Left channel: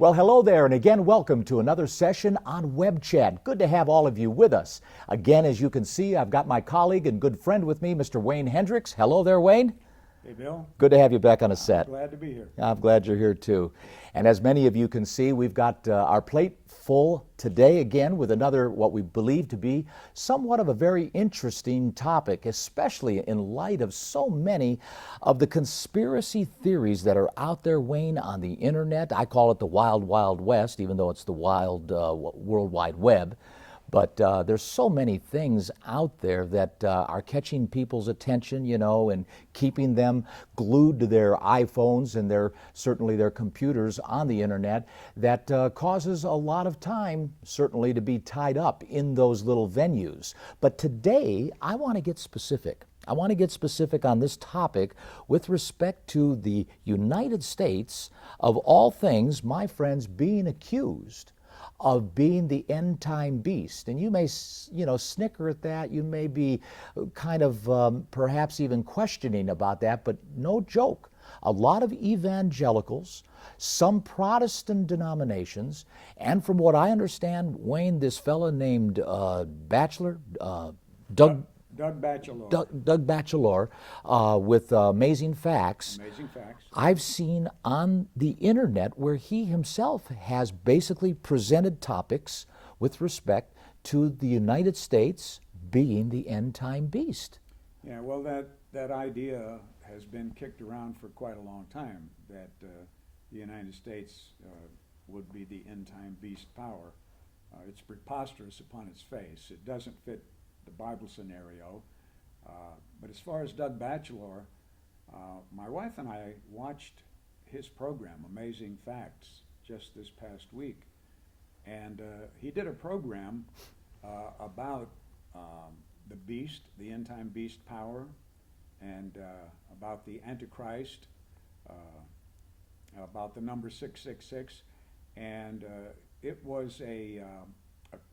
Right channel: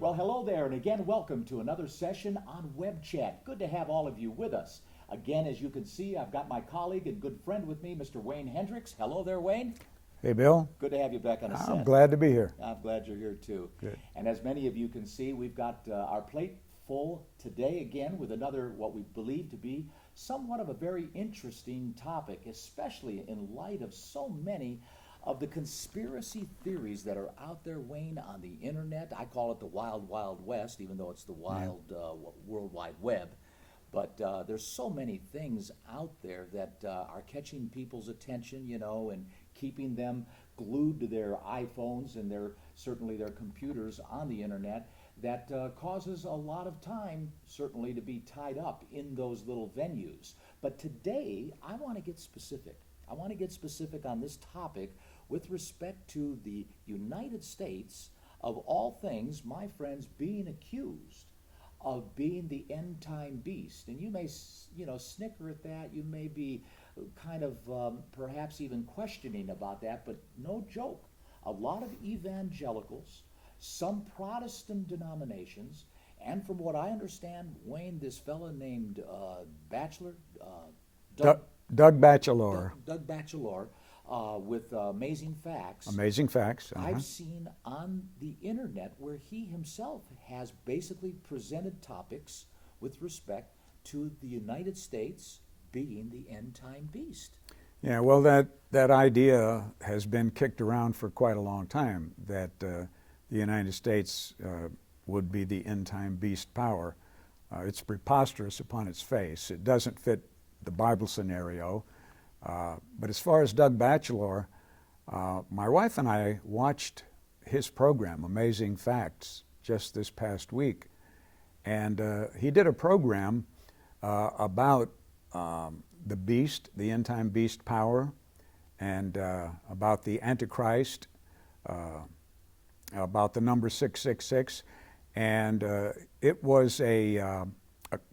Well, hello there, and again, welcome to another session on Web Chat. Good to have all of you with us. Again, as you can see, I've got my colleague and good friend with me, Mr. Wayne Hendrix. Hello there, Wayne. Hey, Bill. Good to have you back on the set. I'm glad to be here. I'm glad you're here, too. Good. And as many of you can see, we've got our plate full today again with another, what we believe to be somewhat of a very interesting topic, especially in light of so many of the conspiracy theories that are out there, Wayne, on the internet. I call it the wild, wild west, even though it's the wild World Wide Web. But there's so many things out there that are catching people's attention, you know, and keeping them glued to their iPhones and certainly their computers on the internet that causes a lot of time, certainly, to be tied up in those little venues. But today, I want to get specific. I want to get specific on this topic with respect to the United States, of all things, my friends, being accused of being the end-time beast. And you may, snicker at that. You may be kind of perhaps even questioning about that, but no joke. A lot of evangelicals, some Protestant denominations, and from what I understand, Wayne, this fellow named Batchelor, Doug Batchelor. Doug Batchelor with Amazing Facts. Amazing Facts. I've seen on the internet where he himself has basically presented topics with respect to the United States being the end-time beast. Yeah, well, that idea has been kicked around for quite a long time, that the United States would be the end-time beast power. It's preposterous upon its face. It doesn't fit the Bible scenario. But as far as Doug Batchelor, my wife and I watched his program, Amazing Facts, just this past week. And he did a program about the beast, the end-time beast power, and about the Antichrist, about the number 666. And it was a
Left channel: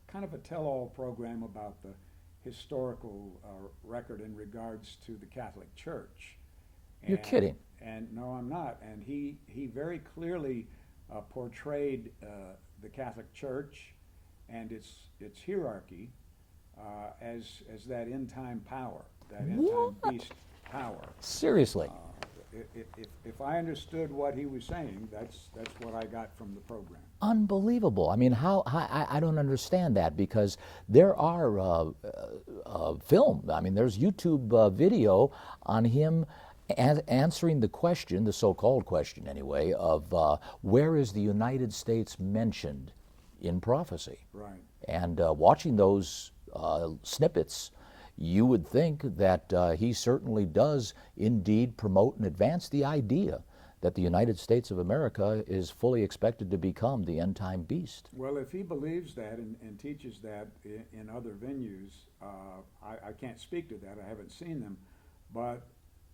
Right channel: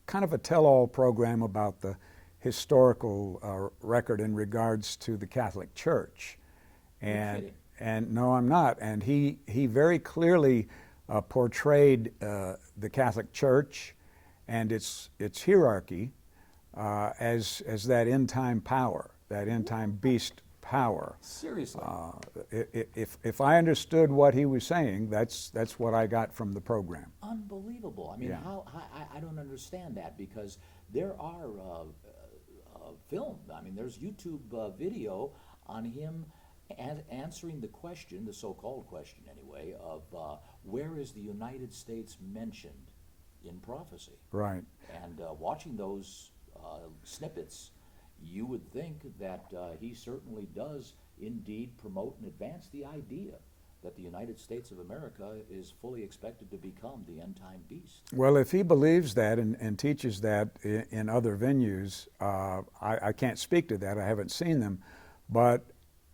kind of a tell-all program about the historical record in regards to the Catholic Church. You're kidding. And no, I'm not. And he very clearly portrayed the Catholic Church and its hierarchy as that end-time power, that end-time beast power. Seriously. If I understood what he was saying, that's what I got from the program. Unbelievable. I mean, I don't understand that, because there are film. I mean, there's YouTube video on him answering the question, the so-called question anyway, of where is the United States mentioned in prophecy? Right. And watching those snippets, you would think that he certainly does indeed promote and advance the idea that the United States of America is fully expected to become the end-time beast. Well, if he believes that and teaches that in other venues, I can't speak to that. I haven't seen them. But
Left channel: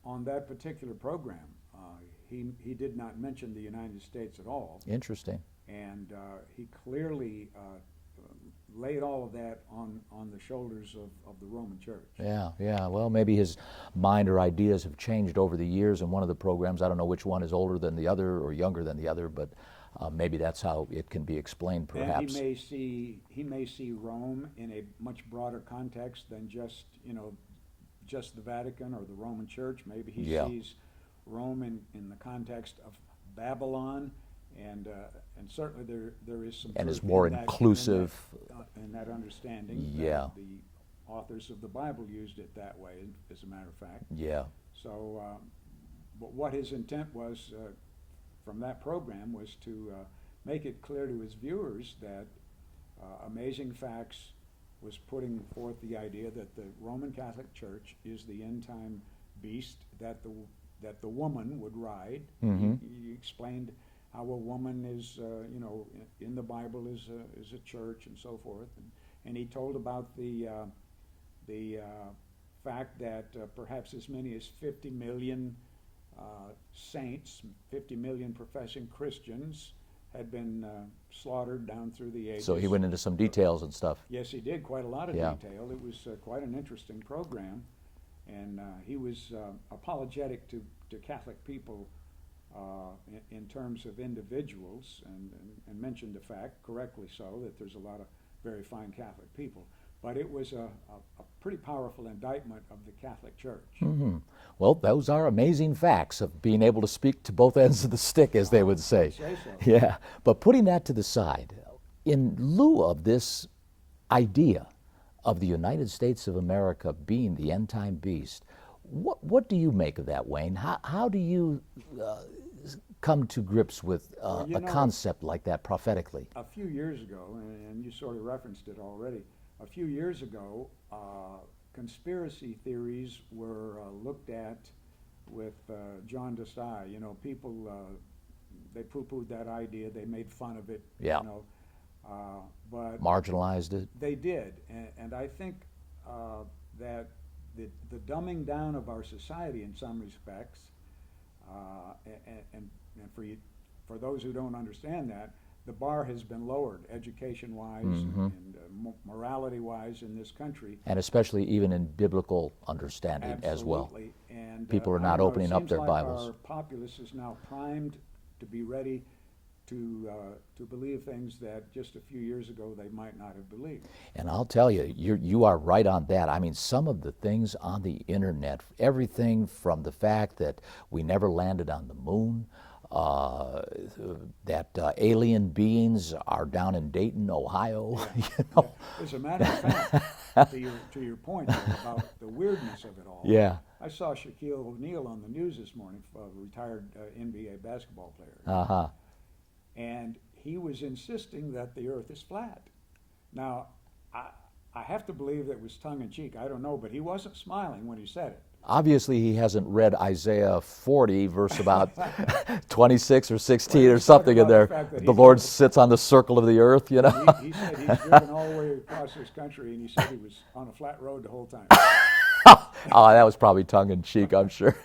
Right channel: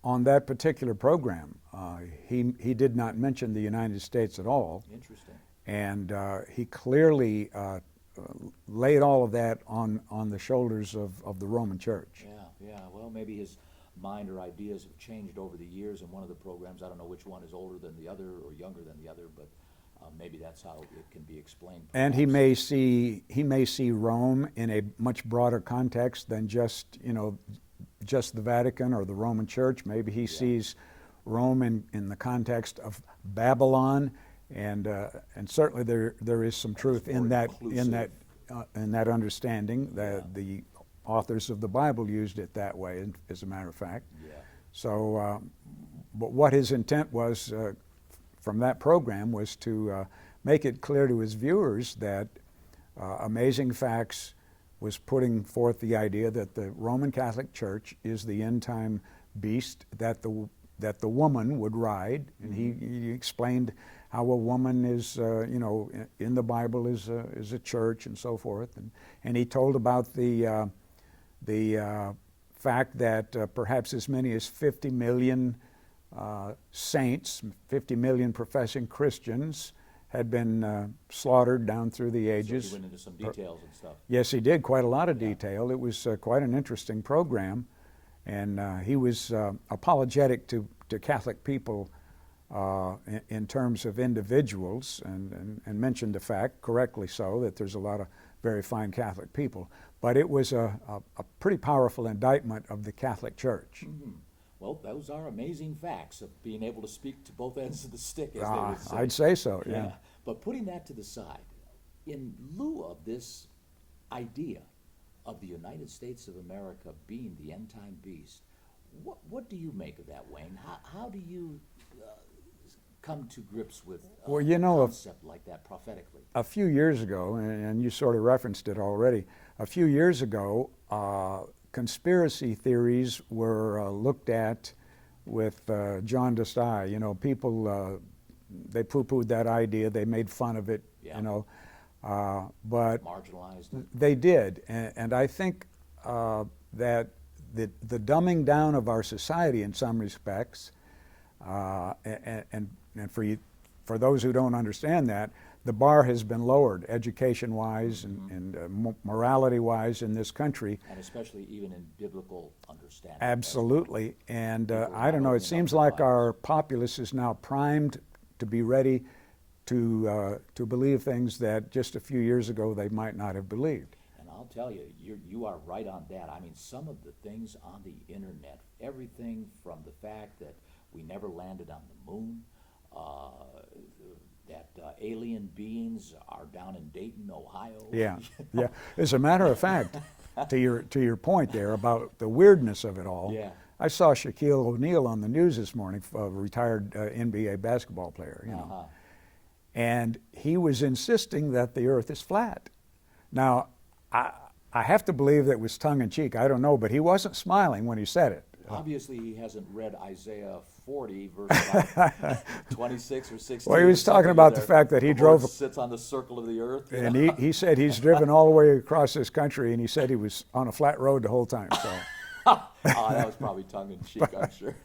on that particular program, he did not mention the United States at all. Interesting. And he clearly laid all of that on the shoulders of the Roman Church. Yeah. Well, maybe his mind or ideas have changed over the years. In one of the programs, I don't know which one is older than the other or younger than the other, but maybe that's how it can be explained, perhaps. And he may see Rome in a much broader context than just the Vatican or the Roman Church. Maybe he sees Rome in the context of Babylon. And certainly there is some truth in that, inclusive. In that understanding. That the authors of the Bible used it that way, as a matter of fact. Yeah. So, but what his intent was from that program was to make it clear to his viewers that Amazing Facts was putting forth the idea that the Roman Catholic Church is the end-time beast that the woman would ride. Mm-hmm. He explained how a woman is, in the Bible is a church and so forth, and he told about the fact that perhaps as many as 50 million saints, 50 million professing Christians, had been slaughtered down through the ages. So he went into some details and stuff. Yes, he did, quite a lot of detail. It was quite an interesting program, and he was apologetic to Catholic people in terms of individuals, and mentioned the fact, correctly so, that there's a lot of very fine Catholic people. But it was a pretty powerful indictment of the Catholic Church. Mm-hmm. Well, those are amazing facts of being able to speak to both ends of the stick, as they would say. I'd say so. Yeah, but putting that to the side, in lieu of this idea of the United States of America being the end-time beast, what do you make of that, Wayne? How do you come to grips with Well, a concept like that prophetically? A few years ago, and you sort of referenced it already, a few years ago, conspiracy theories were looked at with jaundiced eye. You know, people, they poo-pooed that idea, they made fun of it, Yeah. you know, but Marginalized it? they did, and I think that the dumbing down of our society in some respects, and for those who don't understand that, the bar has been lowered education-wise and morality-wise in this country. And especially even in biblical understanding. Absolutely. As well. And People are I not don't know, it opening up seems their like Bibles. our populace is now primed to be ready to believe things that just a few years ago they might not have believed. And I'll tell you, you are right on that. I mean, some of the things on the internet, everything from the fact that we never landed on the moon, that alien beings are down in Dayton, Ohio. Yeah, you know? yeah. As a matter of fact, to your point there about the weirdness of it all. Yeah. I saw Shaquille O'Neal on the news this morning, a retired NBA basketball player. You know? And he was insisting that the Earth is flat. Now, I have to believe that was tongue-in-cheek. I don't know, but he wasn't smiling when he said it. Obviously, he hasn't read Isaiah 40, verse about 26 or 16 Well, he or was talking something. about in there. the fact that he the Lord drove- sits on the circle of the earth. You know, And he said he's driven all the way across this country, and he said he was on a flat road the whole time. Oh, that was probably tongue-in-cheek, I'm sure.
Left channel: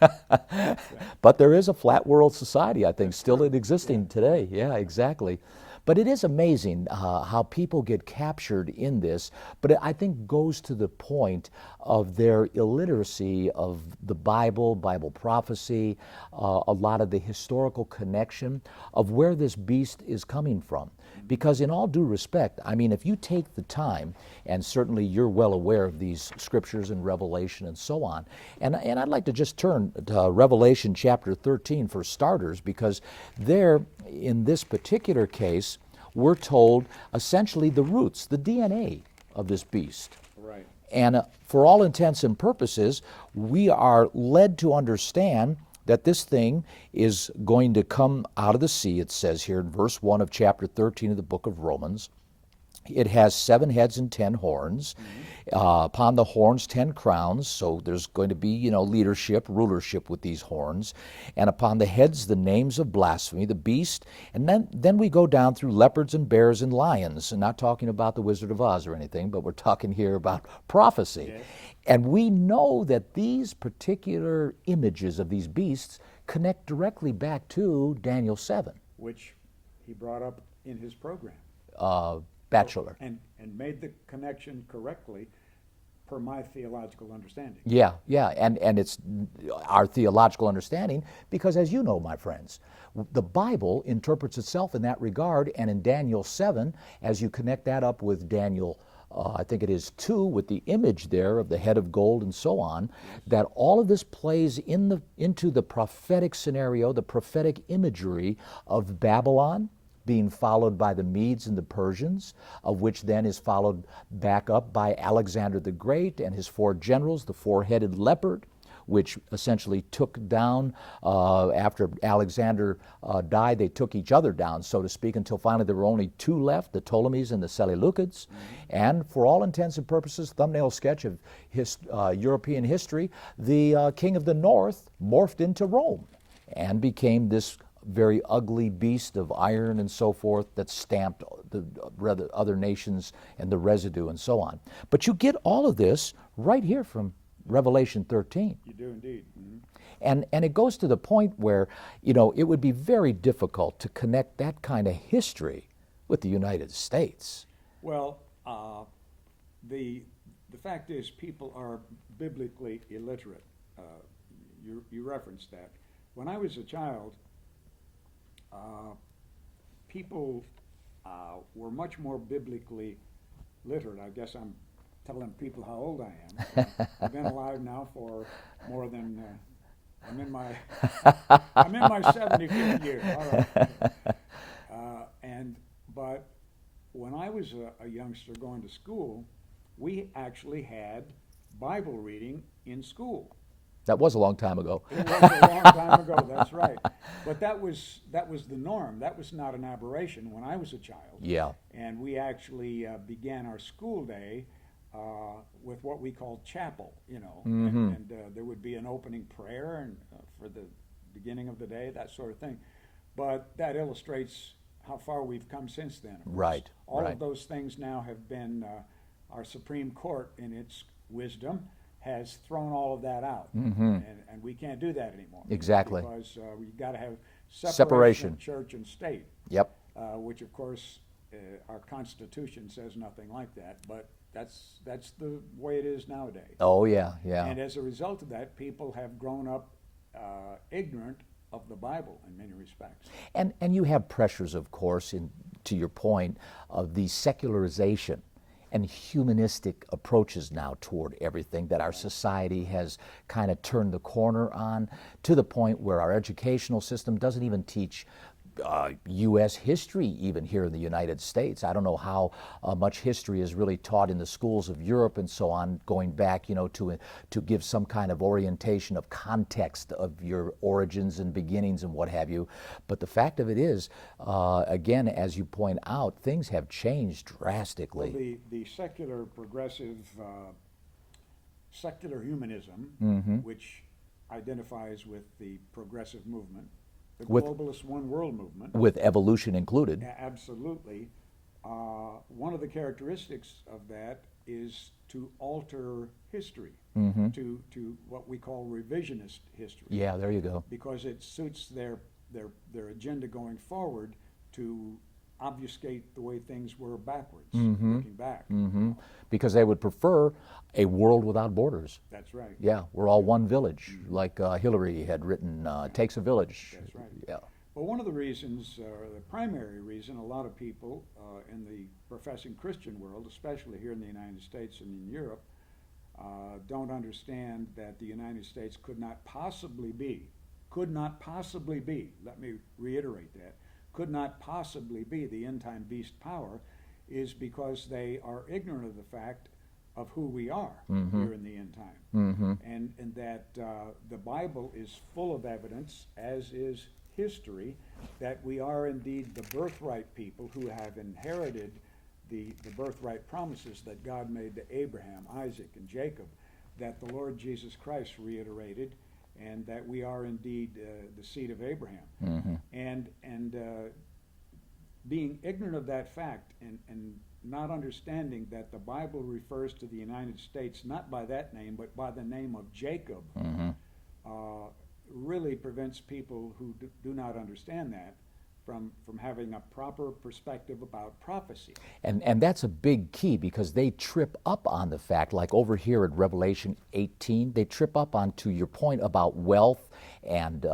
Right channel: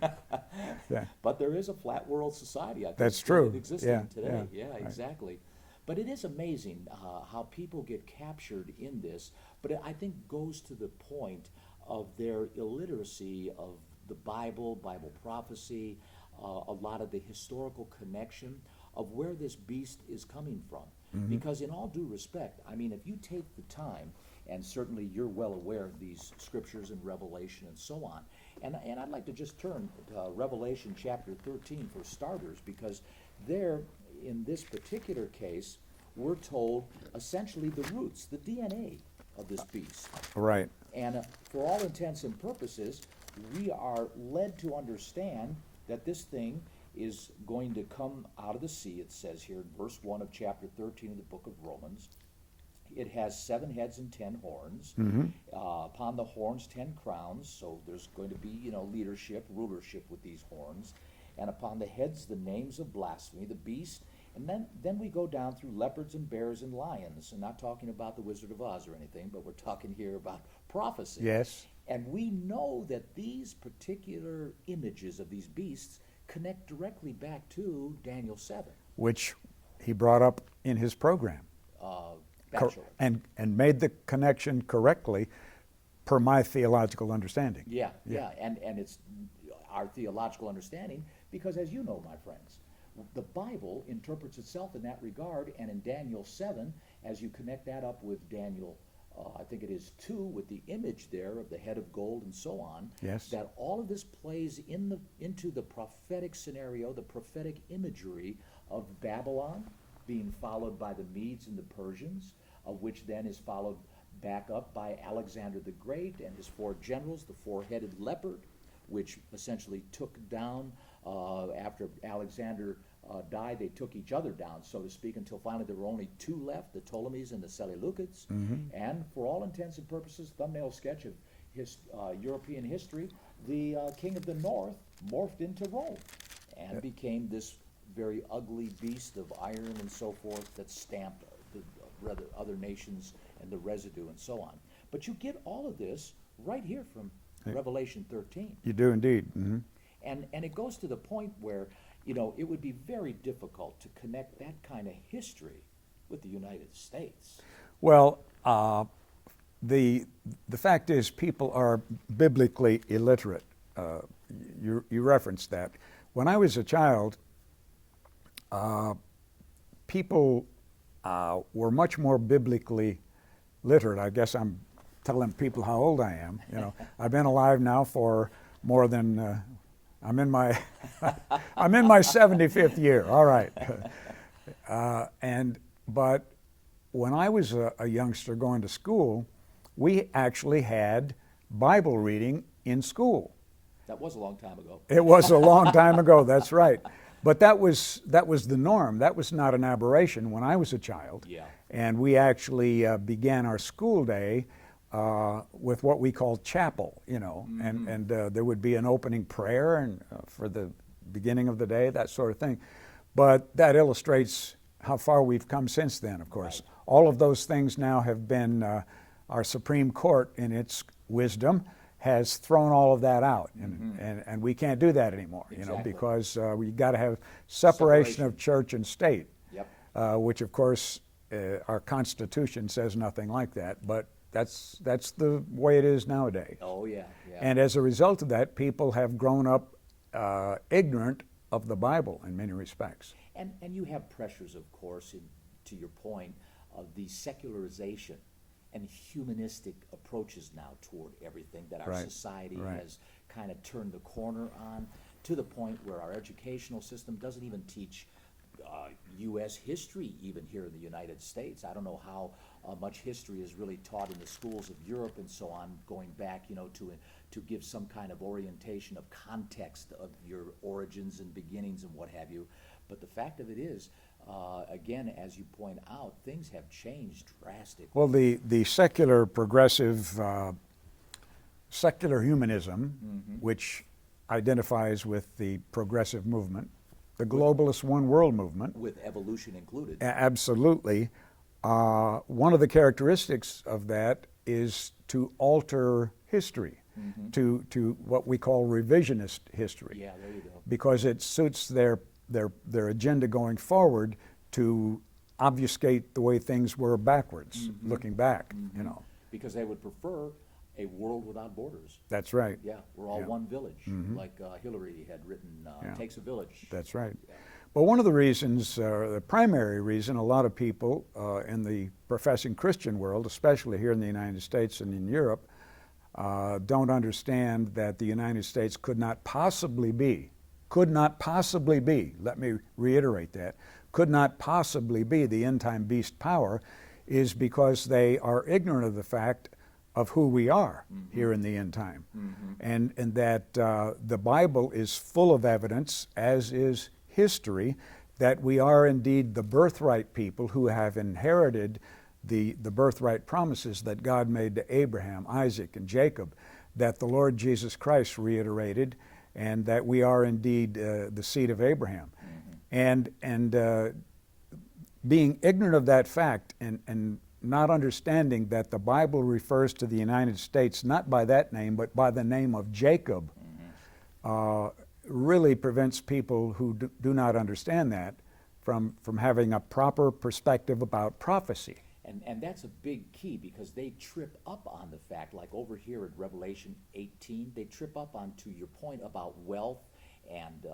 But there is a flat world society, I think, That's still true. existing Yeah, today. Yeah, exactly. But it is amazing how people get captured in this, but it, I think, goes to the point of their illiteracy of the Bible, Bible prophecy, a lot of the historical connection of where this beast is coming from. Because in all due respect, I mean, if you take the time, and certainly you're well aware of these scriptures and Revelation and so on, and I'd like to just turn to Revelation chapter 13 for starters, because there, in this particular case, we're told essentially the roots, the DNA of this beast. Right. And for all intents and purposes, we are led to understand that this thing is going to come out of the sea, it says here in verse 1 of chapter 13 of the book of Romans. It has 7 heads and 10 horns. Upon the horns, 10 crowns. So there's going to be, you know, leadership, rulership with these horns. And upon the heads, the names of blasphemy, the beast. And then we go down through leopards and bears and lions. And not talking about the Wizard of Oz or anything, but we're talking here about prophecy. Yes. And we know that these particular images of these beasts connect directly back to Daniel 7. Which he brought up in his program. Bachelor. And made the connection correctly per my theological understanding. Yeah, and it's our theological understanding because, as you know, my friends, the Bible interprets itself in that regard, and in Daniel 7, as you connect that up with Daniel, I think it is 2, with the image there of the head of gold and so on, Yes. that all of this plays into the prophetic scenario, the prophetic imagery of Babylon, being followed by the Medes and the Persians, of which then is followed back up by Alexander the Great and his 4 generals, the 4-headed leopard, which essentially took down, after Alexander died, they took each other down, so to speak, until finally there were only 2 left, the Ptolemies and the Seleucids. And for all intents and purposes, thumbnail sketch of European history, the king of the north morphed into Rome and became this very ugly beast of iron and so forth that stamped the other nations and the residue and so on. But you get all of this right here from Revelation 13. You do indeed. And it goes to the point where, you know, it would be very difficult to connect that kind of history with the United States. Well, the fact is people are biblically illiterate. You referenced that. When I was a child, people were much more biblically literate. I guess I'm telling people how old I am. You know, I've been alive now for more than I'm in my I'm in my 75th year. All right, but when I was a youngster going to school, we actually had Bible reading in school. That was a long time ago. It was a long time ago, that's right. But that was the norm. That was not an aberration when I was a child. Yeah. And we actually began our school day with what we call chapel, you know. Mm-hmm. And there would be an opening prayer and for the beginning of the day, that sort of thing. But that illustrates how far we've come since then, of course. Right. All of those things now have been, our Supreme Court in its wisdom has thrown all of that out, and we can't do that anymore. Exactly. You know, because we've got to have separation of church and state. Yep. Which, of course, our Constitution says nothing like that, but that's the way it is nowadays. Oh yeah, yeah. And as a result of that, people have grown up ignorant of the Bible in many respects. And you have pressures, of course, to your point, of the secularization and humanistic approaches now toward everything that our society has kind of turned the corner on, to the point where our educational system doesn't even teach U.S. history even here in the United States. I don't know how much history is really taught in the schools of Europe and so on, going back, you know, to give some kind of orientation of context of your origins and beginnings and what have you. But the fact of it is, again, as you point out, things have changed drastically. Well, the secular progressive, secular humanism, which identifies with the progressive movement, the globalist one world movement. With evolution included. Absolutely. One of the characteristics of that is to alter history, to what we call revisionist history. Yeah, there you go. Because it suits their agenda going forward to obfuscate the way things were backwards, looking back. You know. Because they would prefer a world without borders. That's right. Yeah, we're all one village, like Hillary had written, takes a village. That's right. Yeah. But one of the reasons, the primary reason, a lot of people in the professing Christian world, especially here in the United States and in Europe, don't understand that the United States could not possibly be, let me reiterate that, could not possibly be the end-time beast power, is because they are ignorant of the fact of who we are here in the end time. And that the Bible is full of evidence, as is history, that we are indeed the birthright people who have inherited the birthright promises that God made to Abraham, Isaac, and Jacob, that the Lord Jesus Christ reiterated, and that we are indeed the seed of Abraham. And being ignorant of that fact and not understanding that the Bible refers to the United States not by that name, but by the name of Jacob, really prevents people who do not understand that from having a proper perspective about prophecy. And that's a big key, because they trip up on the fact, like over here at Revelation 18, they trip up onto your point about wealth and,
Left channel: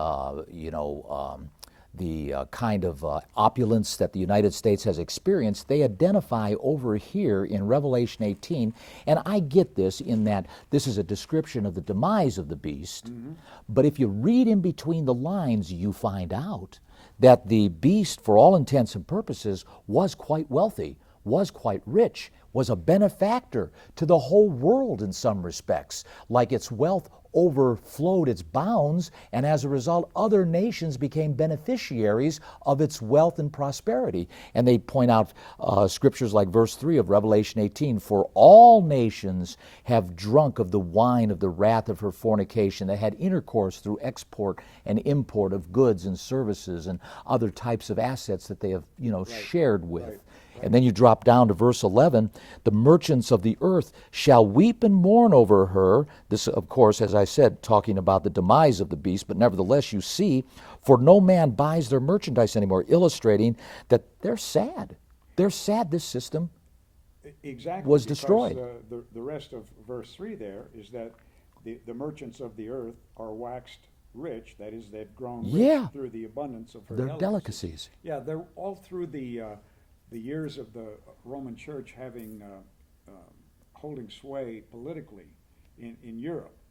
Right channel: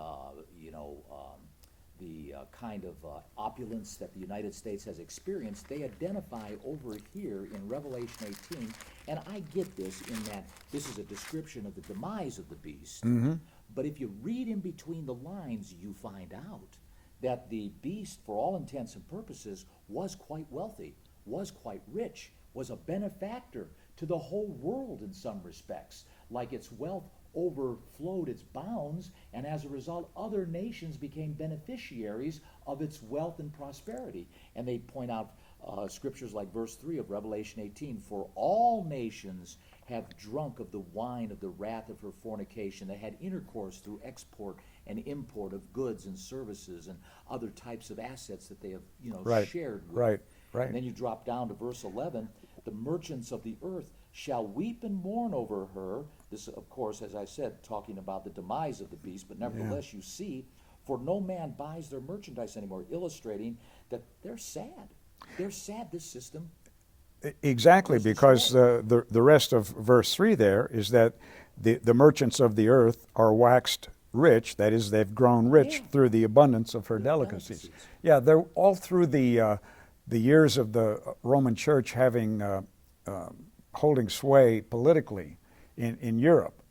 the kind of opulence that the United States has experienced. They identify over here in Revelation 18, and I get this in that this is a description of the demise of the beast, but if you read in between the lines, you find out that the beast, for all intents and purposes, was quite wealthy, was quite rich, was a benefactor to the whole world in some respects, like its wealth overflowed its bounds, and as a result, other nations became beneficiaries of its wealth and prosperity. And they point out scriptures like verse 3 of Revelation 18, "For all nations have drunk of the wine of the wrath of her fornication." They had intercourse through export and import of goods and services and other types of assets that they have, shared with. Right. And then you drop down to verse 11, "The merchants of the earth shall weep and mourn over her." This, of course, as I said, talking about the demise of the beast, but nevertheless you see, "For no man buys their merchandise anymore," illustrating that they're sad. They're sad this system Exactly, was because destroyed. the rest of verse 3 there is that the merchants of the earth are waxed rich. That is, they've grown rich Yeah. through the abundance of her Their delicacies. Yeah, they're all through the years of the Roman Church having holding sway politically in Europe.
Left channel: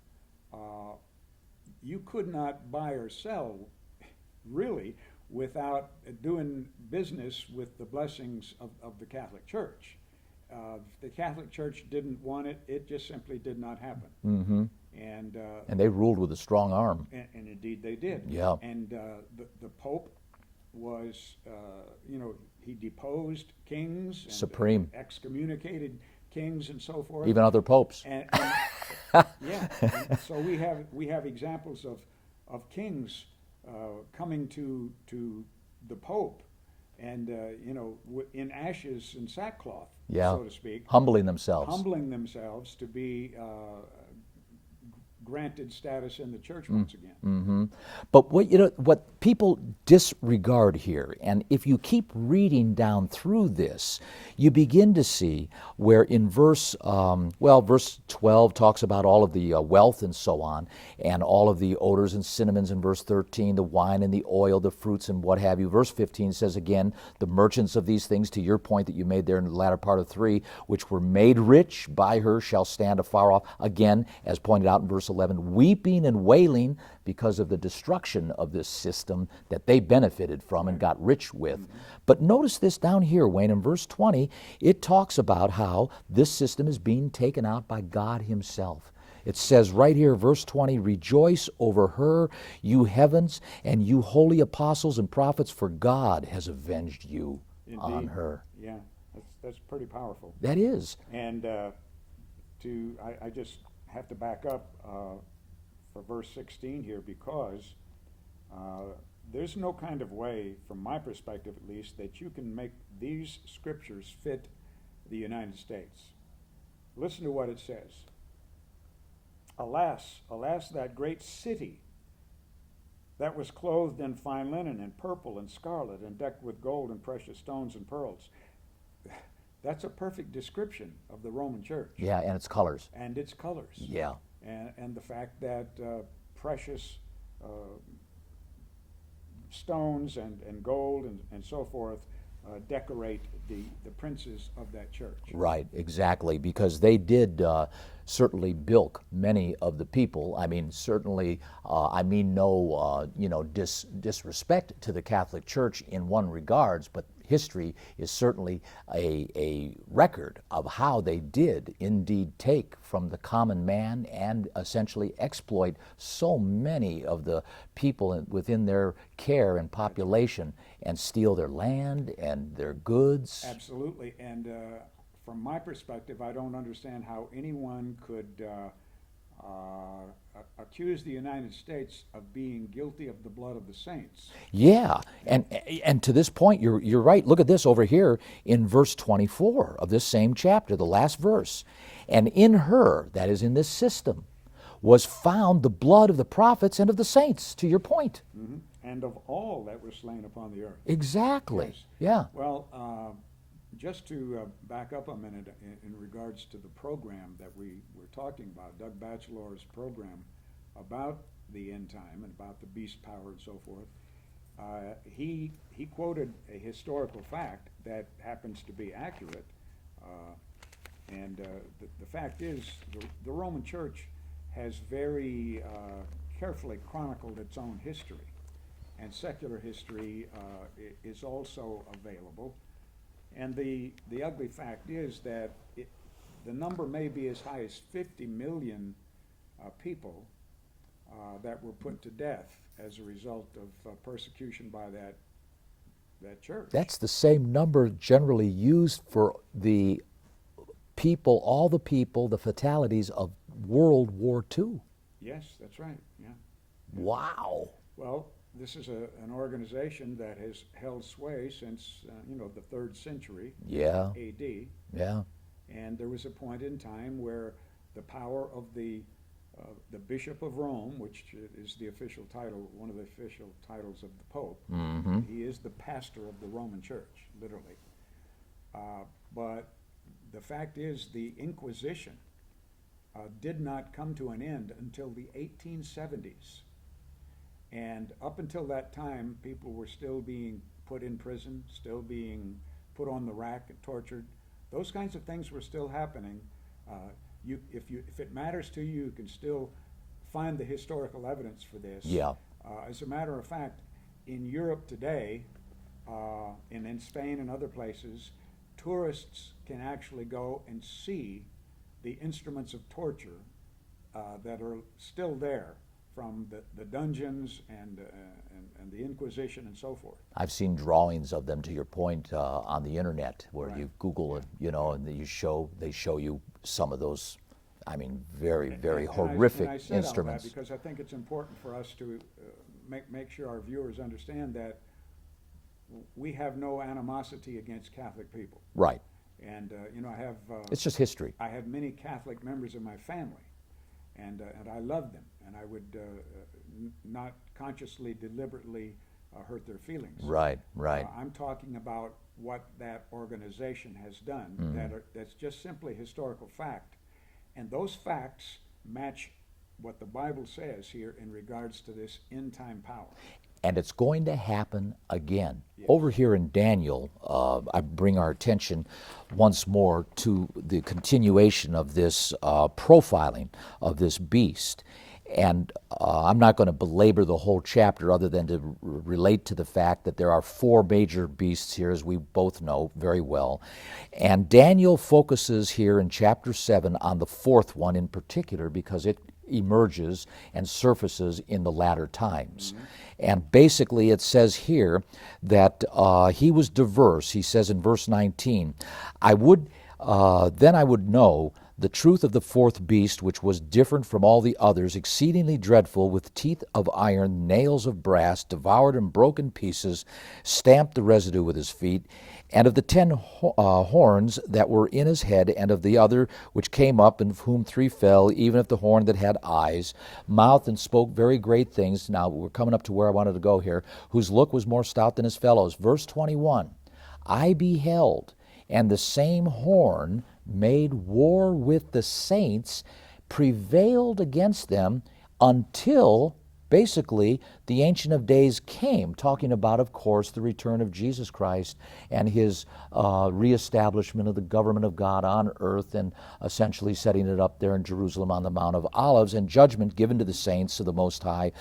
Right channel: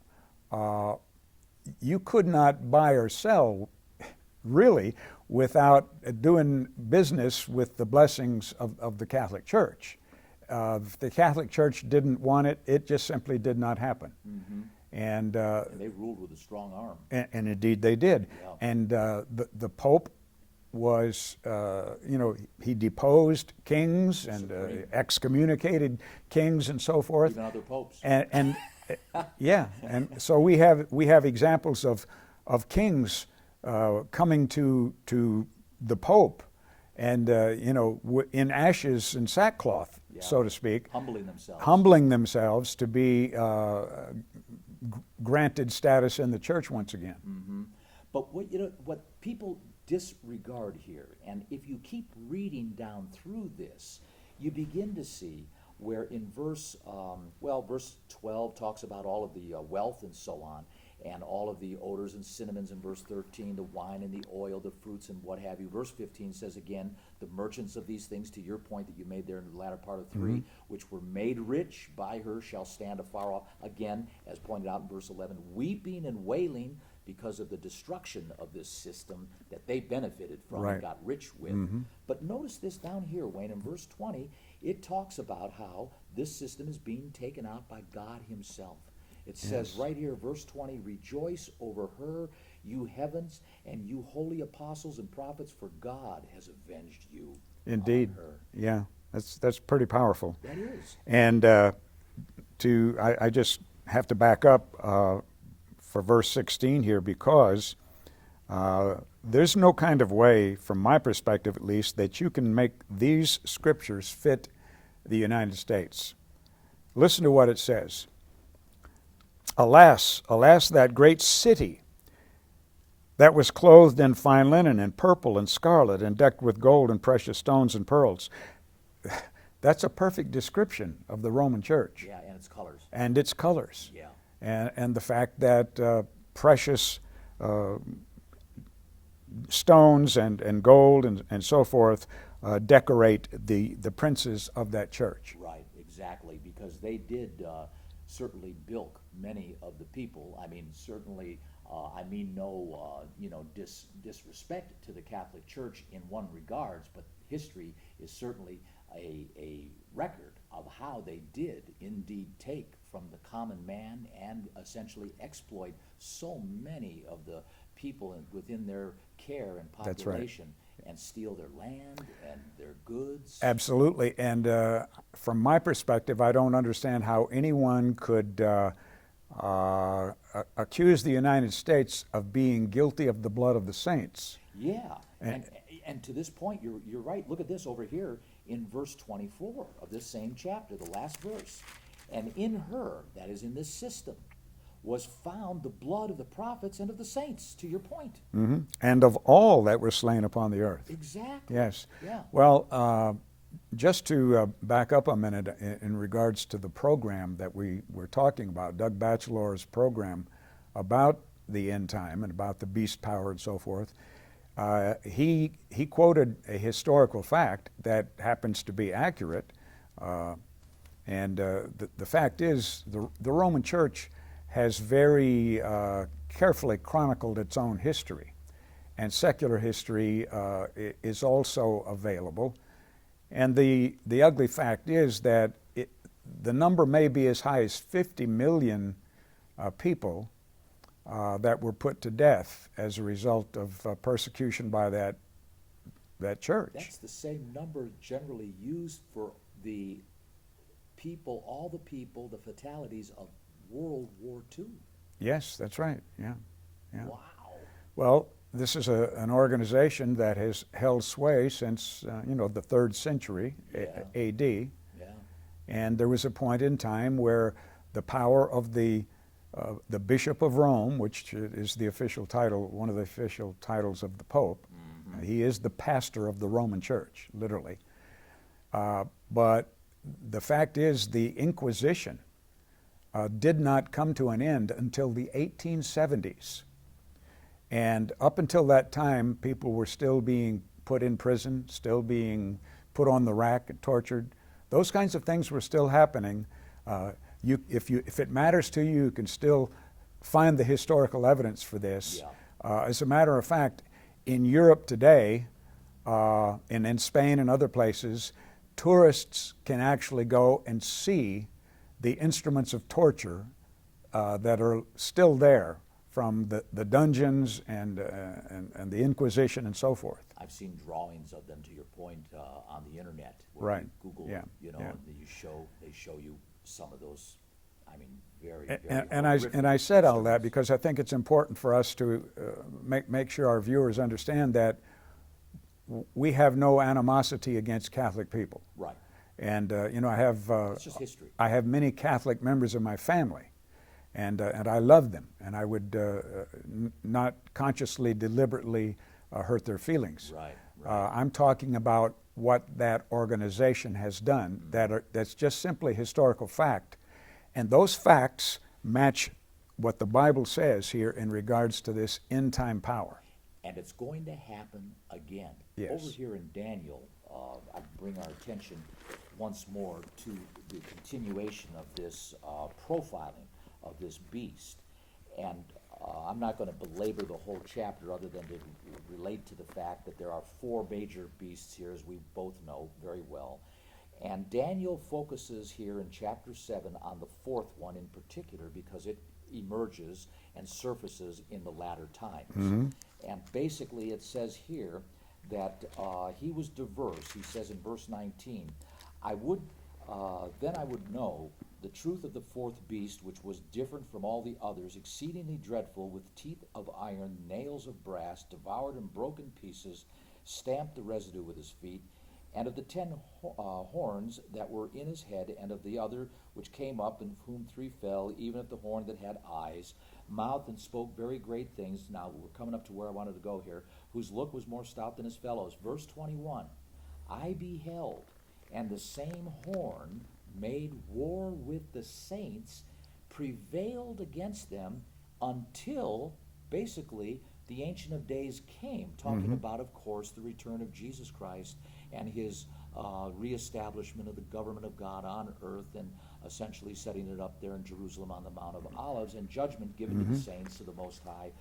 You could not buy or sell really without doing business with the blessings of the Catholic Church. If the Catholic Church didn't want it, it just simply did not happen. Mm-hmm. And they ruled with a strong arm. and indeed they did. Yeah. And the Pope was, he deposed kings and Supreme. excommunicated kings and so forth. Even other popes. And yeah, and so we have examples of kings coming to the Pope, and in ashes and sackcloth, Yeah. so to speak, Humbling themselves. humbling themselves to be granted status in the church once again. Mm-hmm. But what people disregard here, and if you keep reading down through this, you begin to see where in verse 12 talks about all of the wealth and so on, and all of the odors and cinnamons in verse 13, the wine and the oil, the fruits and what have you. Verse 15 says again, the merchants of these things, to your point that you made there in the latter part of 3, which were made rich by her shall stand afar off. Again, as pointed out in verse 11, weeping and wailing because of the destruction of this system that they benefited from and got rich with. But notice this down here, Wayne, in verse 20, it talks about how this system is being taken out by God himself. It says right here, verse 20, rejoice over her, you heavens, and you holy apostles and prophets, for God has avenged you on her. Yeah, that's pretty powerful. That is. And I just have to back up for verse 16 here, because there's no kind of way, from my perspective at least, that you can make these scriptures fit the United States. Listen to what it says. Alas, alas, that great city that was clothed in fine linen and purple and scarlet and decked with gold and precious stones and pearls. That's a perfect description of the Roman Church. Yeah, and its colors. And its colors. Yeah. And the fact that precious stones and gold and so forth decorate the princes of that church. Right, exactly, because they did certainly bilk many of the people. I mean, certainly, no disrespect to the Catholic Church in one regards, but history is certainly a record of how they did indeed take from the common man and essentially exploit so many of the people within their care and population and steal their land and their goods. Absolutely. And from my perspective, I don't understand how anyone could accuse the United States of being guilty of the blood of the saints. Yeah, and to this point, you're right. Look at this over here in verse 24 of this same chapter, the last verse. And in her, that is in this system, was found the blood of the prophets and of the saints, to your point. Mm-hmm. And of all that were slain upon the earth. Exactly. Yes. Yeah. Well, just to back up a minute in regards to the program that we were talking about, Doug Batchelor's program about the end time and about the beast power and so forth, he quoted a historical fact that happens to be accurate. And the fact is, the Roman Church has very carefully chronicled its own history. And secular history is also available. And the ugly fact is that the number may be as high as 50 million people that were put to death as a result of persecution by that church. That's the same number generally used for the people, all the people, the fatalities of World War II. Yes, that's right. Yeah. Wow. Well, this is an organization that has held sway since the 3rd century A.D. Yeah. And there was a point in time where the power of the Bishop of Rome, which is the official title, one of the official titles of the Pope, he is the pastor of the Roman Church, literally. But the fact is, the Inquisition did not come to an end until the 1870s. And up until that time, people were still being put in prison, still being put on the rack and tortured. Those kinds of things were still happening. If it matters to you, you can still find the historical evidence for this. Yeah. As a matter of fact, in Europe today, and in Spain and other places, tourists can actually go and see the instruments of torture that are still there from the dungeons and the Inquisition and so forth. I've seen drawings of them, to your point, on the internet, where Right. you Google Yeah. it, you know, Yeah. and they show you some of those. I mean, very, very And horrific I said all that instruments. because I think it's important for us to make sure our viewers understand that we have no animosity against Catholic people. Right. And I have It's just history. I have many Catholic members of my family, and I love them, and I would not consciously, deliberately hurt their feelings. Right, right. I'm talking about what that organization has done. Mm-hmm. That's just simply historical fact, and those facts match what the Bible says here in regards to this end time power. And it's going to happen again. Yes. Over here in Daniel, I bring our attention once more to the continuation of this profiling of this beast. And I'm not going to belabor the whole chapter other than to relate to the fact that there are 4 major beasts here, as we both know very well. And Daniel focuses here in chapter 7 on the 4th one in particular because it emerges and surfaces in the latter times. Mm-hmm. And basically it says here that he was diverse. He says in verse 19, then I would know the truth of the 4th beast, which was different from all the others, exceedingly dreadful, with teeth of iron, nails of brass, devoured and broken pieces, stamped the residue with his feet, and of the 10 horns that were in his head, and of the other which came up, and of whom 3 fell, even of the horn that had eyes, mouth, and spoke very great things. Now we're coming up to where I wanted to go here, whose look was more stout than his fellows. Verse 21, I beheld, and the same horn made war with the saints, prevailed against them until basically the Ancient of Days came, talking about, of course, the return of Jesus Christ and his reestablishment of the government of God on earth, and essentially setting it up there in Jerusalem on the Mount of Olives, and judgment given to the saints of the Most High.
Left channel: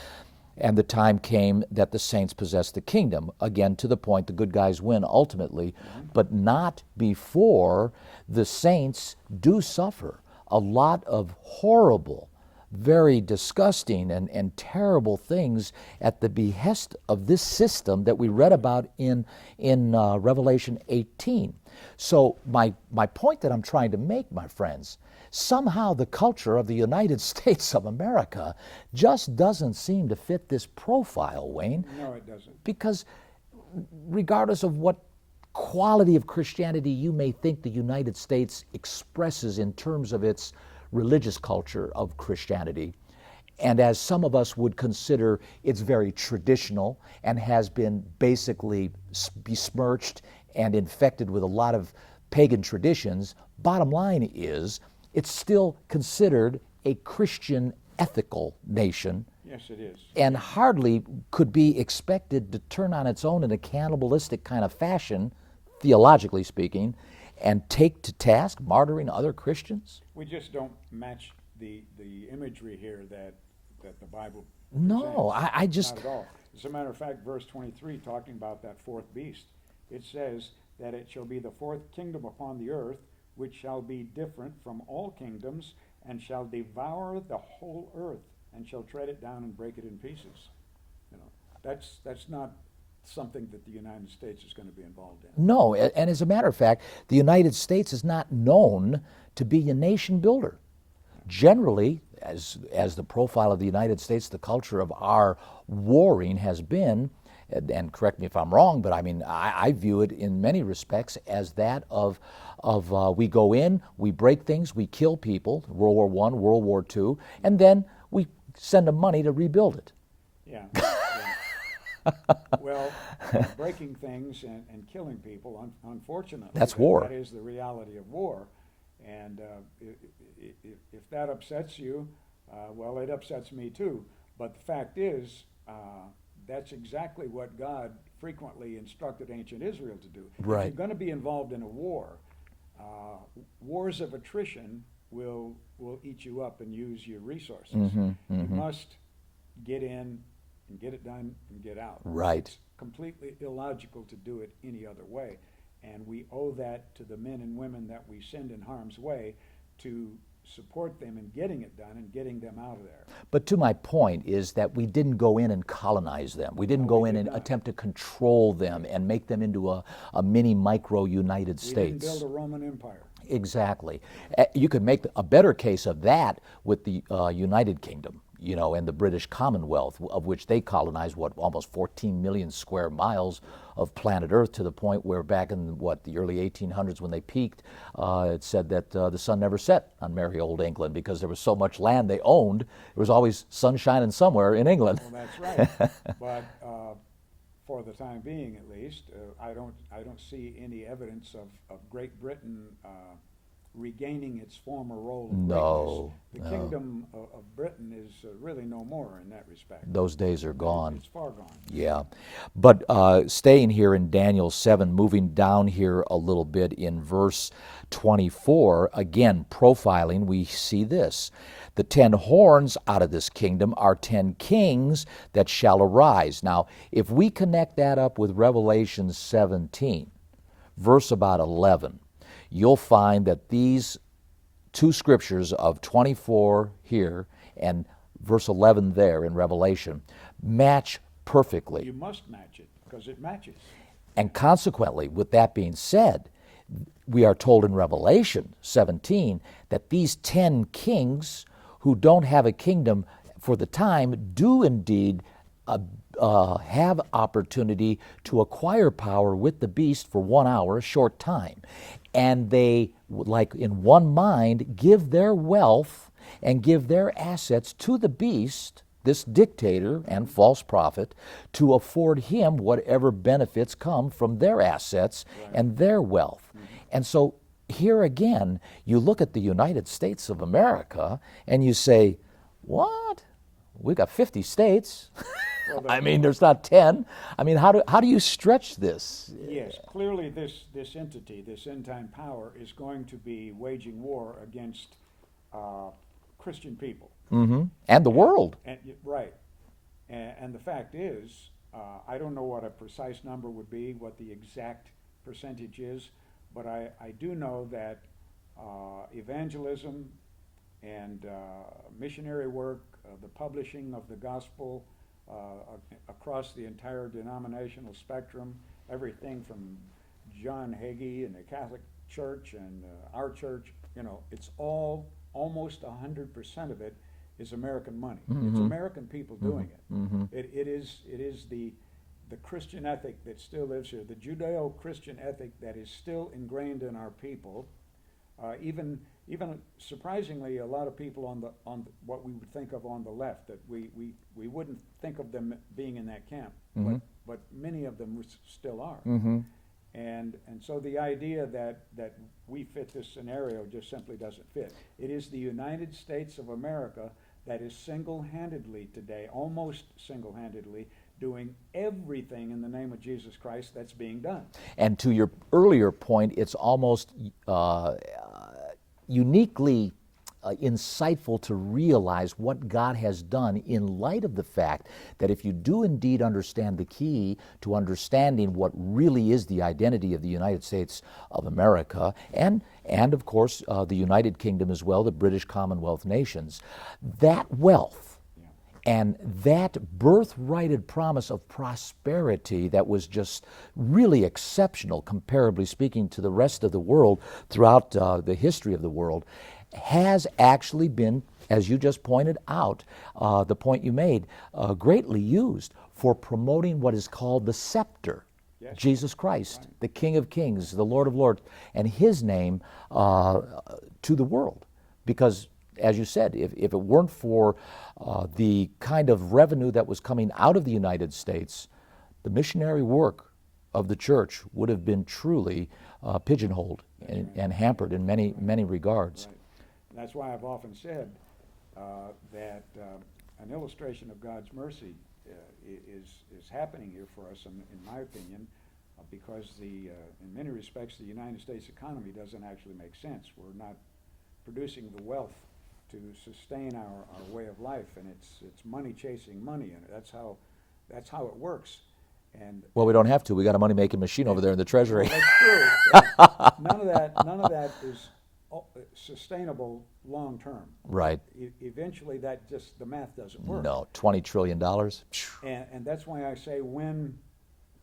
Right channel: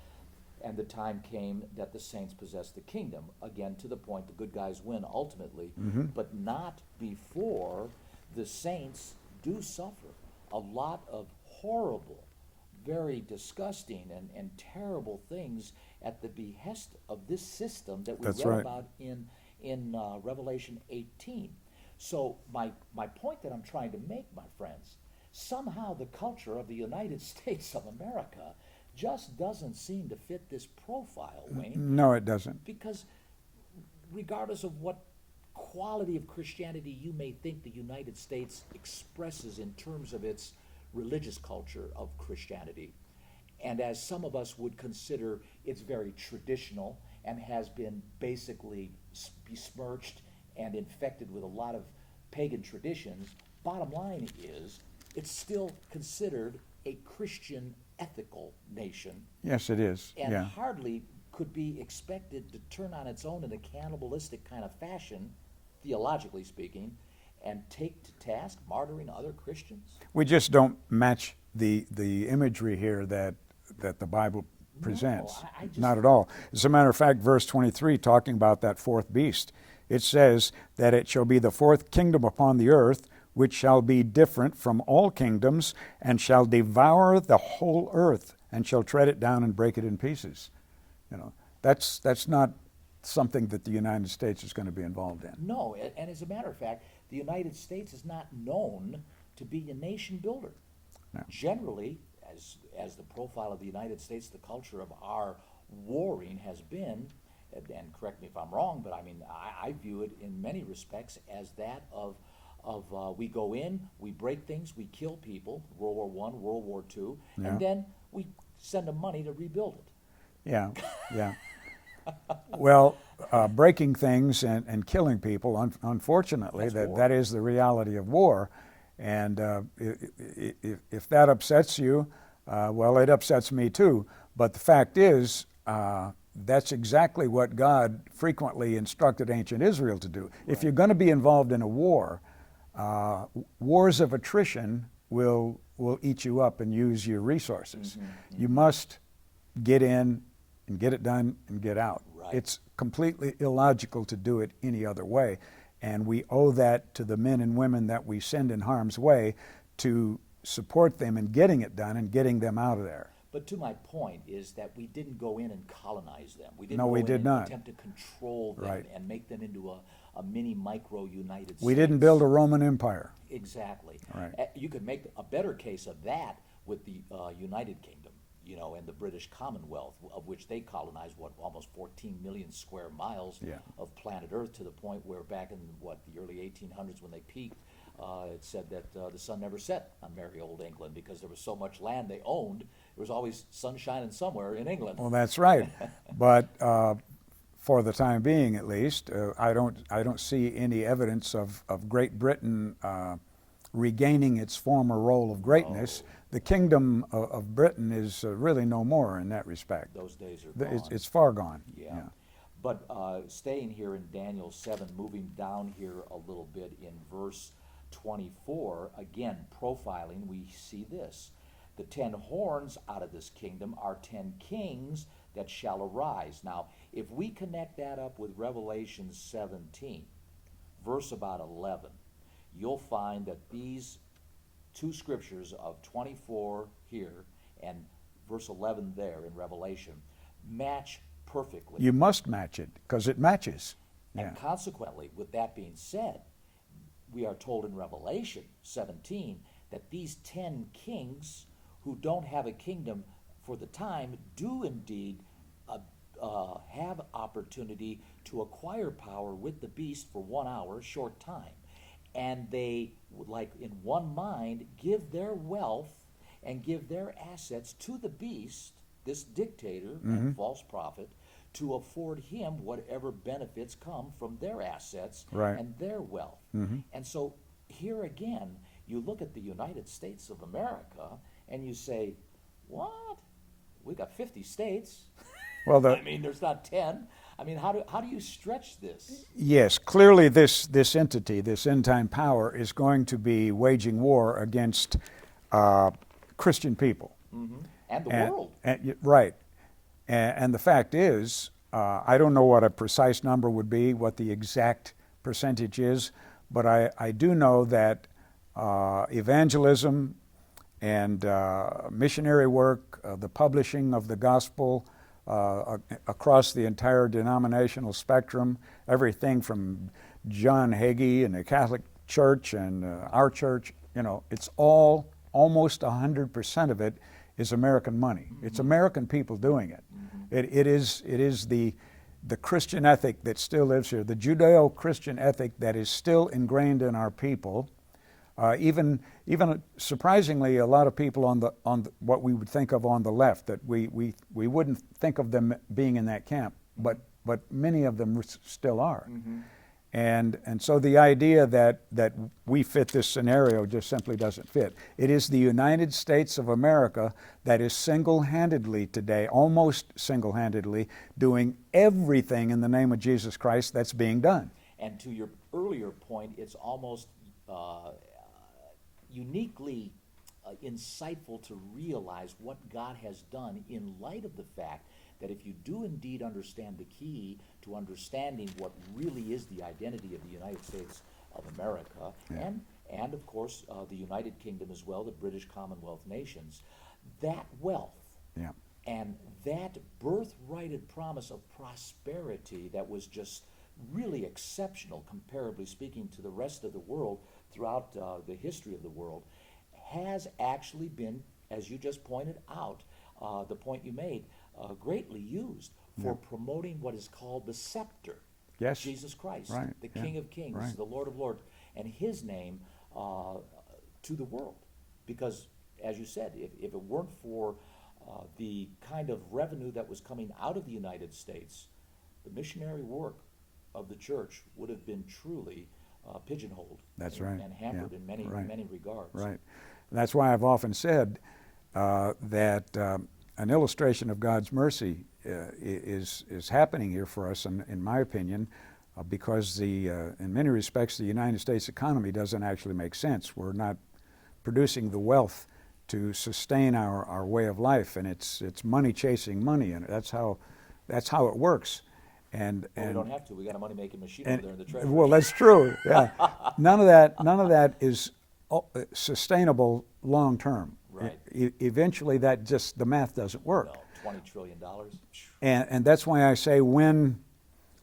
And the time came that the saints possessed the kingdom. Again, to the point, the good guys win ultimately, but not before the saints do suffer a lot of horrible, very disgusting and terrible things at the behest of this system that we That's read right. about in Revelation 18. So my point that I'm trying to make, my friends, somehow the culture of the United States of America just doesn't seem to fit this profile, Wayne. No, it doesn't. Because regardless of what quality of Christianity you may think the United States expresses in terms of its religious culture of Christianity, and as some of us would consider it's very traditional and has been basically besmirched and infected with a lot of pagan traditions, bottom line is it's still considered a Christian ethical nation. Yes, it is. And Yeah. hardly could be expected to turn on its own in a cannibalistic kind of fashion, theologically speaking, and take to task martyring other Christians? We just don't match the imagery here that the Bible presents. No, I just... Not at all. As a matter of fact, verse 23, talking about that 4th beast, it says that it shall be the 4th kingdom upon the earth, which shall be different from all kingdoms, and shall devour the whole earth, and shall tread it down and break it in pieces. You know, that's not something that the United States is going to be involved in. No, and as a matter of fact, the United States is not known to be a nation builder. No. Generally, as the profile of the United States, the culture of our warring has been, and correct me if I'm wrong, but I mean, I view it in many respects as that of we go in, we break things, we kill people, World War I, World War II, and then we send them money to rebuild it. Yeah, yeah. Well, breaking things and killing people, unfortunately, That's war. That is the reality of war. And if that upsets you, well, it upsets me too. But the fact is, that's exactly what God frequently instructed ancient Israel to do. Right. If you're going to be involved in a war, wars of attrition will eat you up and use your resources. You must get in and get it done and get out. Right. It's completely illogical to do it any other way. And we owe that to the men and women that we send in harm's way to support them in getting it done and getting them out of there. But to my point is that we didn't go in and colonize them. We didn't No, go we in did and not. attempt to control them Right. and make them into a mini micro United States. We didn't build a Roman Empire. Exactly. Right. You could make a better case of that with the United Kingdom, you know, and the British Commonwealth, of which they colonized, almost 14 million square miles of planet Earth, to the point where back in, the early 1800s when they peaked, it said that the sun never set on merry old England because there was so much land they owned. There was always sun shining somewhere in England. Well, that's right. But for the time being, at least, I don't see any evidence of Great Britain regaining its former role of greatness. The kingdom of Britain is really no more in that respect. Those days are gone. It's far gone. Yeah. But staying here in Daniel 7, moving down here a little bit in verse 24, again, profiling, we see this. The 10 horns out of this kingdom are 10 kings that shall arise. Now, if we connect that up with Revelation 17, verse about 11, you'll find that these two scriptures of 24 here and verse 11 there in Revelation match perfectly. You must match it because it matches. And consequently, with that being said, we are told in Revelation 17 that these 10 kings who don't have a kingdom for the time do indeed have opportunity to acquire power with the beast for 1 hour, a short time. And they, like in one mind, give their wealth and give their assets to the beast, this dictator and false prophet, to afford him whatever benefits come from their assets and their wealth. And so here again, you look at the United States of America and you say, what? We've got 50 states. Well, I mean, there's not 10. I mean, how do you stretch this? Yes, clearly this entity, this end-time power, is going to be waging war against Christian people. And the world. Right. And the fact is, I don't know what a precise number would be, what the exact percentage is, but I do know that evangelism and missionary work, the publishing of the gospel across the entire denominational spectrum, everything from John Hagee and the Catholic Church and our church, you know, it's all, almost 100% of it is American money. It's American people doing it. It is the Christian ethic that still lives here, the Judeo-Christian ethic that is still ingrained in our people. Even surprisingly, a lot of people on the what we would think of on the left, that we wouldn't think of them being in that camp, but many of them still are. And so the idea that we fit this scenario just simply doesn't fit. It is the United States of America that is single-handedly today, almost single-handedly, doing everything in the name of Jesus Christ that's being done. And to your earlier point, it's almost uniquely insightful to realize what God has done in light of the fact that if you do indeed understand the key to understanding what really is the identity of the United States of America and of course the United Kingdom as well, the British Commonwealth nations, that wealth and that birthrighted promise of prosperity that was just really exceptional, comparably speaking, to the rest of the world throughout the history of the world, has actually been, as you just pointed out, the point you made, greatly used for promoting what is called the scepter. Yes. Jesus Christ, Right. the King of Kings, the Lord of Lords, and His name to the world. Because, as you said, if it weren't for the kind of revenue that was coming out of the United States, the missionary work of the church would have been truly pigeonholed and hampered in many regards. Right. And that's why I've often said that an illustration of God's mercy is happening here for us, in my opinion, because in many respects the United States economy doesn't actually make sense. We're not producing the wealth to sustain our way of life, and it's money chasing money, and that's how it works. Well, we don't have to. We got a money-making machine over there in the Treasury. Well, that's true. Yeah. None of that is sustainable long term. Right. Eventually, the math doesn't work. No, $20 trillion. And that's why I say when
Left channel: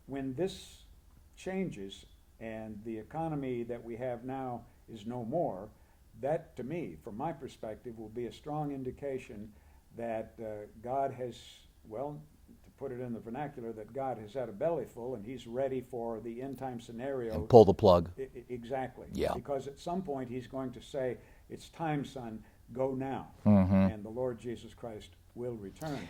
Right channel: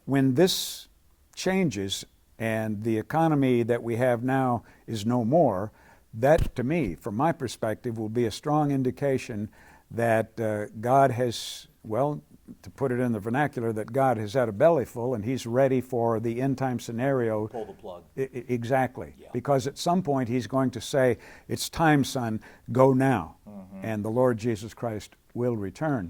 this changes and the economy that we have now is no more, that, to me, from my perspective, will be a strong indication that God has, well, to put it in the vernacular, that God has had a belly full and He's ready for the end time scenario. Pull the plug. Exactly. Yeah. Because at some point He's going to say, "It's time, son, go now." And the Lord Jesus Christ will return.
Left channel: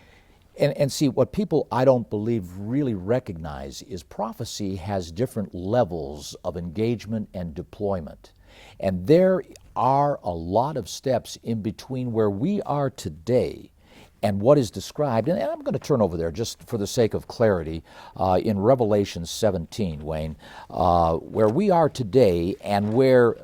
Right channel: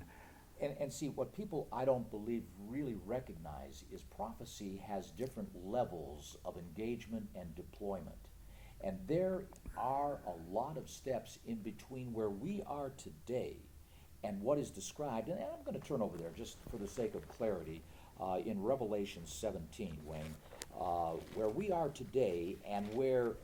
And see, what people, I don't believe, really recognize is prophecy has different levels of engagement and deployment. And there are a lot of steps in between where we are today and what is described, and I'm going to turn over there just for the sake of clarity, in Revelation 17, Wayne, where we are today and where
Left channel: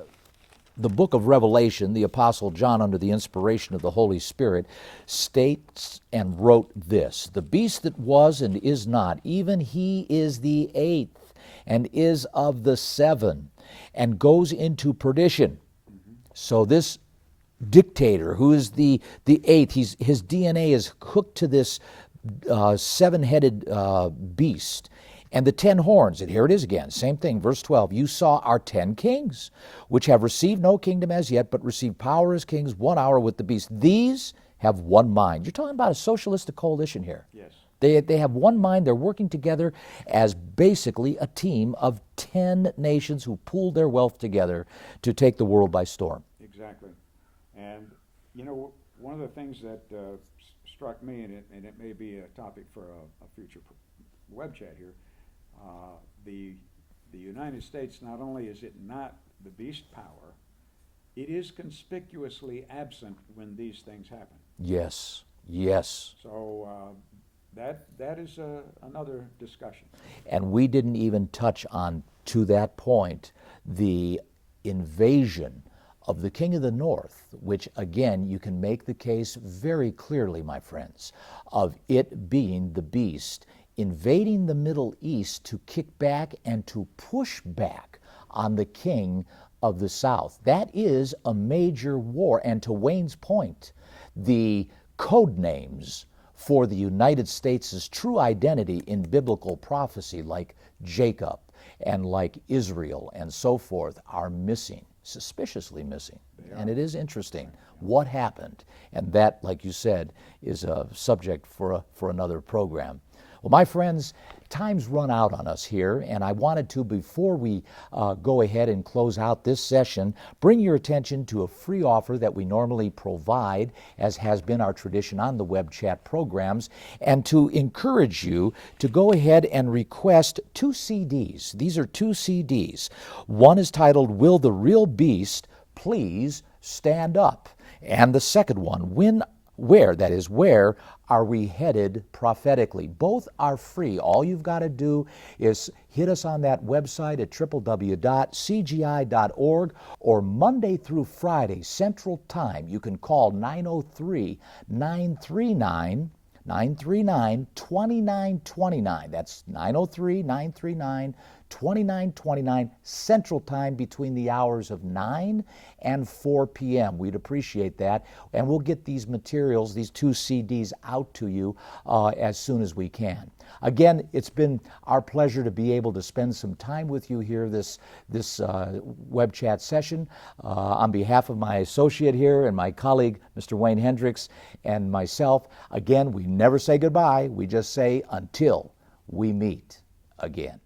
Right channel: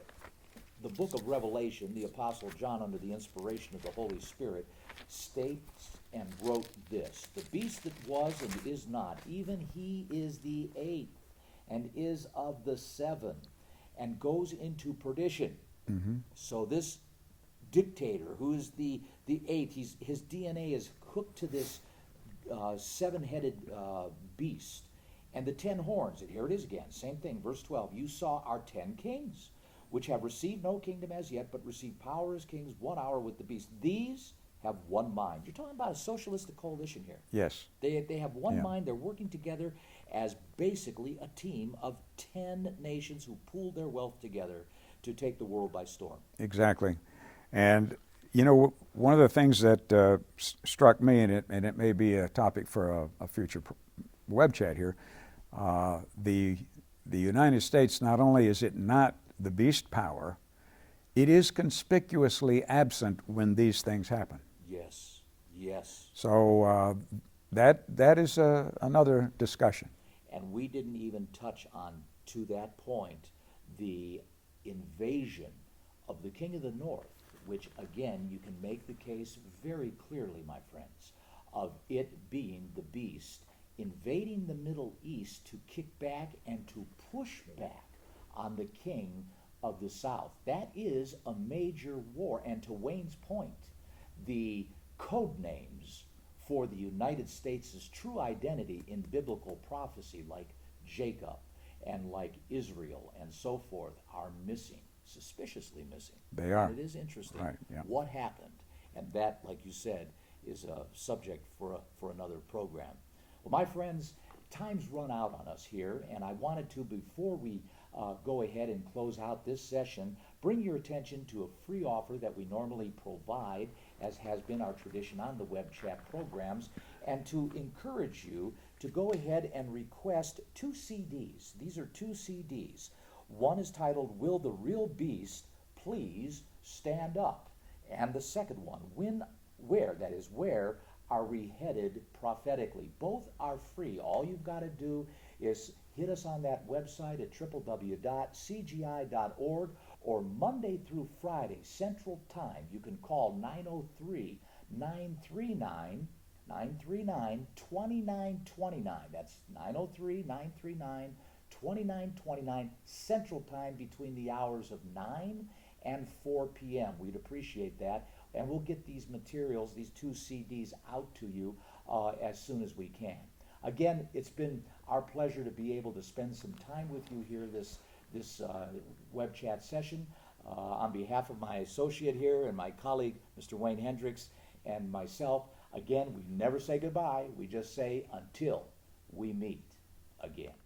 the book of Revelation, the Apostle John, under the inspiration of the Holy Spirit, states and wrote this: "The beast that was and is not, even he is the eighth, and is of the seven, and goes into perdition." So this dictator, who is the eighth, his DNA is hooked to this seven-headed beast. And the 10 horns, and here it is again, same thing, verse 12, "You saw our 10 kings, which have received no kingdom as yet, but received power as kings 1 hour with the beast. These have one mind." You're talking about a socialistic coalition here. Yes. They have one mind. They're working together as basically a team of 10 nations who pooled their wealth together to take the world by storm. Exactly. And, you know, one of the things that struck me, and it may be a topic for a future web chat here, the United States, not only is it not the beast power, it is conspicuously absent when these things happen. Yes, yes. So that is another discussion. And we didn't even touch on, to that point, the invasion of the King of the North, which again, you can make the case very clearly, my friends, of it being the beast invading the Middle East to kick back and to push back on the king of the South. That is a major war. And to Wayne's point, the code names for the United States' true identity in biblical prophecy, like Jacob and like Israel and so forth, are missing, suspiciously missing. They are. And it is interesting Yeah. what happened. And that, like you said, is a subject for another program. Well, my friends, time's run out on us here, and I wanted to, before we go ahead and close out this session, bring your attention to a free offer that we normally provide, as has been our tradition on the web chat programs, and to encourage you to go ahead and request 2 CDs. These are 2 CDs. One is titled, "Will the Real Beast Please Stand Up?" And the second one, Where are we headed prophetically? Both are free. All you've got to do is hit us on that website at www.cgi.org, or Monday through Friday, Central Time. You can call 903-939-2929. That's 903-939-2929 Central Time, between the hours of 9 and 4 p.m. We'd appreciate that. And we'll get these materials, these 2 CDs, out to you as soon as we can. Again, it's been our pleasure to be able to spend some time with you here this web chat session. On behalf of my associate here and my colleague, Mr. Wayne Hendrix, and myself, again, we never say goodbye. We just say until we meet again.